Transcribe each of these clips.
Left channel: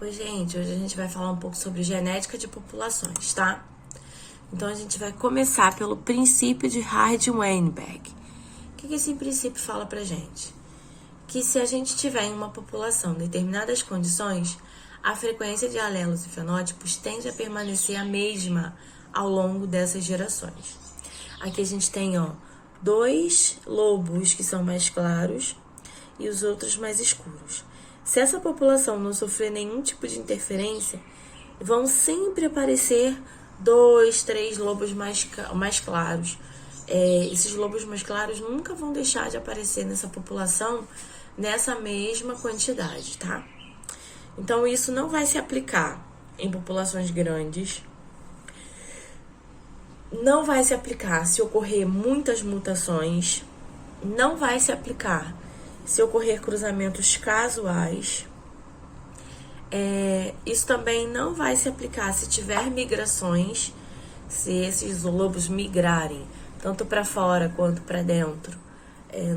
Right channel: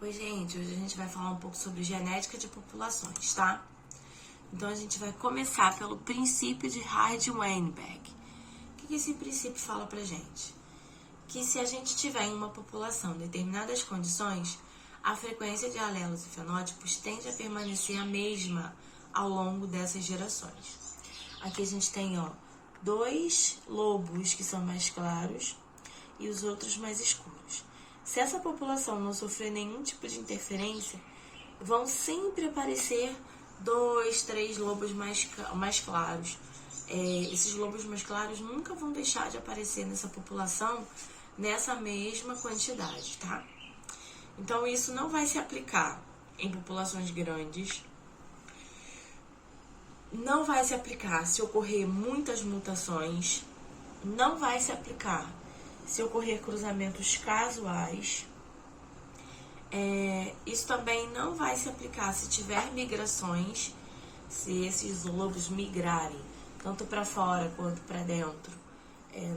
Oi, gente, hoje a gente vai falar um pouco sobre genética de populações, tá? Então, a gente vai começar pelo princípio de Hardy-Weinberg. O que esse princípio fala pra gente? Que se a gente tiver em uma população determinadas condições, a frequência de alelos e fenótipos tende a permanecer a mesma ao longo dessas gerações. Aqui a gente tem, dois lobos que são mais claros e os outros mais escuros. Se essa população não sofrer nenhum tipo de interferência, vão sempre aparecer 2, 3 lobos mais claros. Esses lobos mais claros nunca vão deixar de aparecer nessa população nessa mesma quantidade, tá? Então, isso não vai se aplicar em populações grandes. Não vai se aplicar se ocorrer muitas mutações. Não vai se aplicar se ocorrer cruzamentos casuais. Isso também não vai se aplicar se tiver migrações, se esses lobos migrarem tanto para fora quanto para dentro.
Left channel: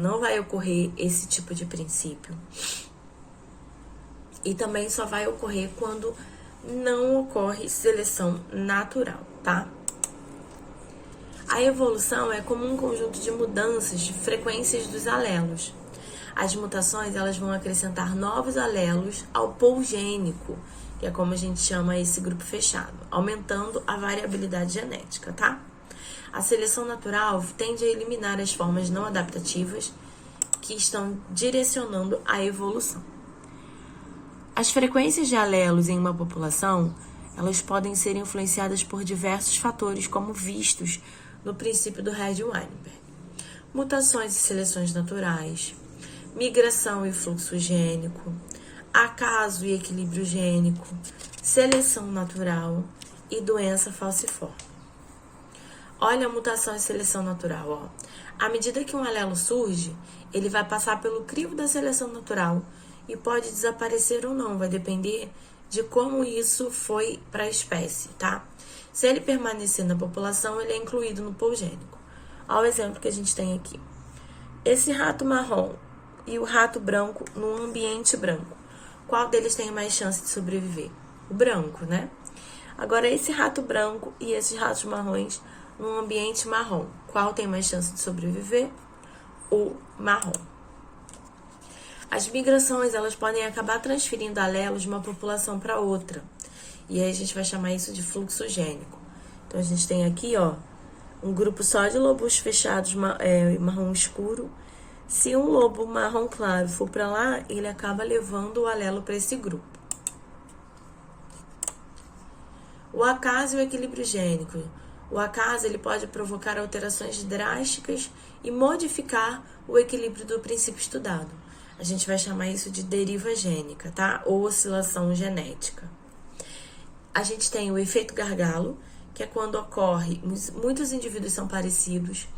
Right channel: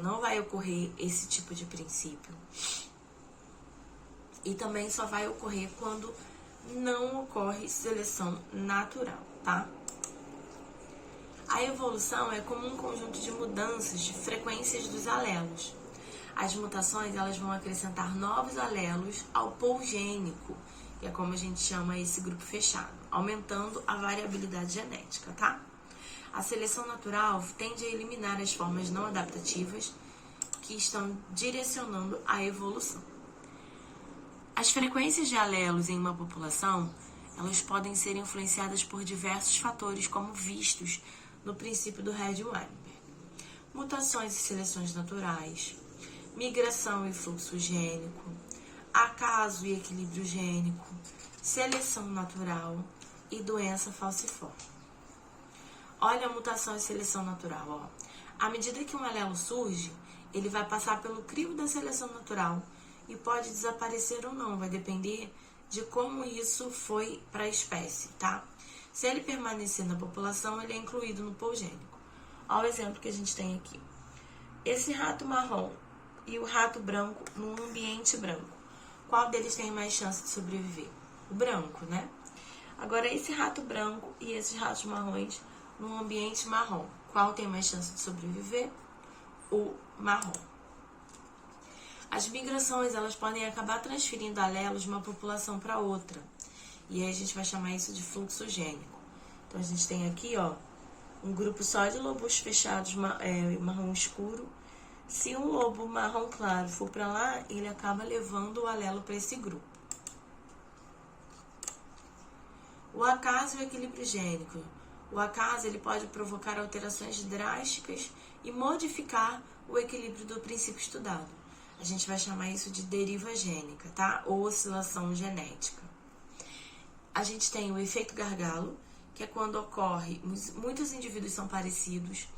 Não vai ocorrer esse tipo de princípio. E também só vai ocorrer quando não ocorre seleção natural, tá? A evolução é como um conjunto de mudanças de frequências dos alelos. As mutações, elas vão acrescentar novos alelos ao pool gênico, que é como a gente chama esse grupo fechado, aumentando a variabilidade genética, tá? A seleção natural tende a eliminar as formas não adaptativas que estão direcionando a evolução. As frequências de alelos em uma população, elas podem ser influenciadas por diversos fatores, como vistos no princípio do Hardy-Weinberg. Mutações e seleções naturais, migração e fluxo gênico, acaso e equilíbrio gênico, seleção natural e doença falciforme. Olha a mutação e seleção natural, À medida que um alelo surge, ele vai passar pelo crivo da seleção natural e pode desaparecer ou não, vai depender de como isso foi para a espécie, tá? Se ele permanecer na população, ele é incluído no pool gênico. Olha o exemplo que a gente tem aqui. Esse rato marrom e o rato branco num ambiente branco. Qual deles tem mais chance de sobreviver? O branco, né? Agora, esse rato branco e esses ratos marrons num ambiente marrom. Qual tem mais chance de sobreviver? O marrom. As migrações, elas podem acabar transferindo alelos de uma população para outra. E aí a gente vai chamar isso de fluxo gênico. Então, a gente tem aqui, um grupo só de lobos fechados marrom escuro. Se um lobo marrom claro for para lá, ele acaba levando o alelo para esse grupo. O acaso e o equilíbrio gênico. O acaso ele pode provocar alterações drásticas e modificar o equilíbrio do princípio estudado. A gente vai chamar isso de deriva gênica, tá? Ou oscilação genética. A gente tem o efeito gargalo, que é quando ocorre, muitos indivíduos são parecidos,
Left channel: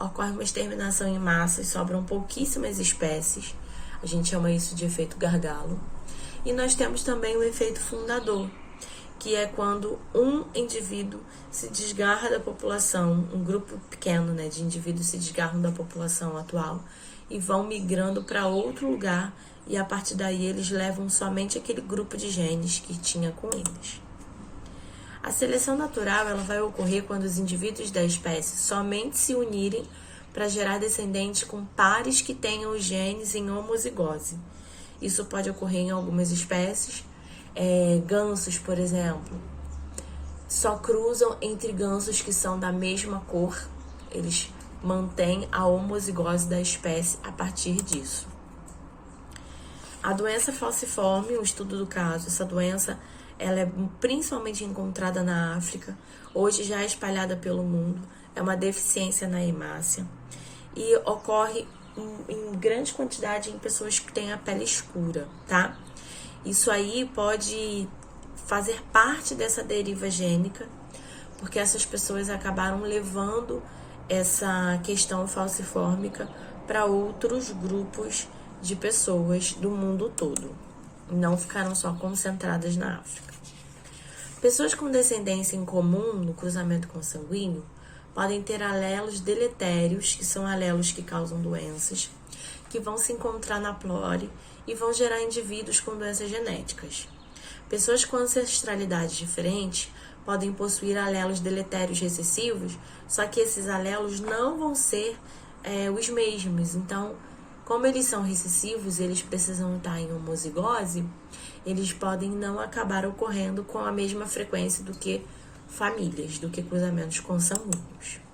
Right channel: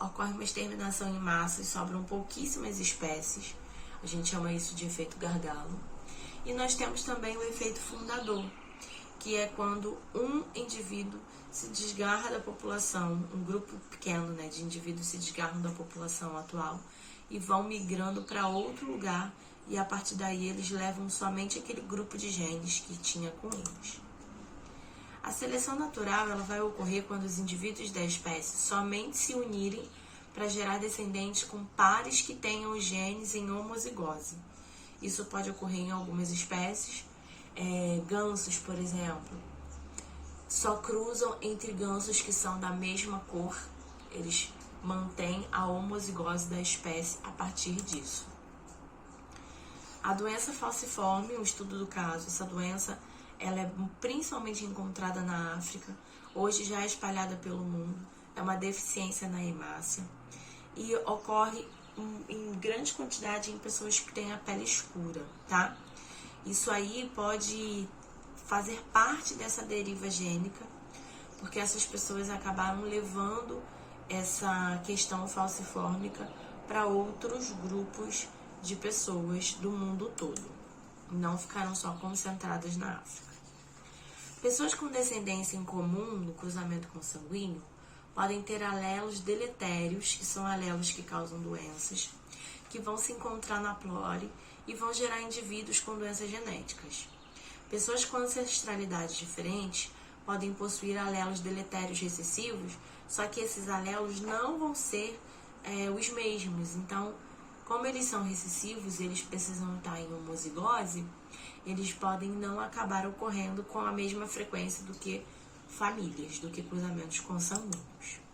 ocorre uma exterminação em massa e sobram pouquíssimas espécies. A gente chama isso de efeito gargalo. E nós temos também o efeito fundador, que é quando um indivíduo se desgarra da população, um grupo pequeno, de indivíduos se desgarram da população atual e vão migrando para outro lugar e a partir daí eles levam somente aquele grupo de genes que tinha com eles. A seleção natural ela vai ocorrer quando os indivíduos da espécie somente se unirem para gerar descendentes com pares que tenham os genes em homozigose. Isso pode ocorrer em algumas espécies. Gansos, por exemplo, só cruzam entre gansos que são da mesma cor. Eles mantêm a homozigose da espécie a partir disso. A doença falciforme, o estudo do caso, essa doença ela é principalmente encontrada na África, hoje já é espalhada pelo mundo, é uma deficiência na hemácia e ocorre em grande quantidade em pessoas que têm a pele escura, tá? Isso aí pode fazer parte dessa deriva gênica, porque essas pessoas acabaram levando essa questão falcifórmica para outros grupos de pessoas do mundo todo. Não ficaram só concentradas na África. Pessoas com descendência em comum no cruzamento consanguíneo podem ter alelos deletérios, que são alelos que causam doenças, que vão se encontrar na plore e vão gerar indivíduos com doenças genéticas. Pessoas com ancestralidades diferentes podem possuir alelos deletérios recessivos, só que esses alelos não vão ser os mesmos. Então, como eles são recessivos, eles precisam estar em homozigose, eles podem não acabar ocorrendo com a mesma frequência do que famílias, do que cruzamentos consanguíneos.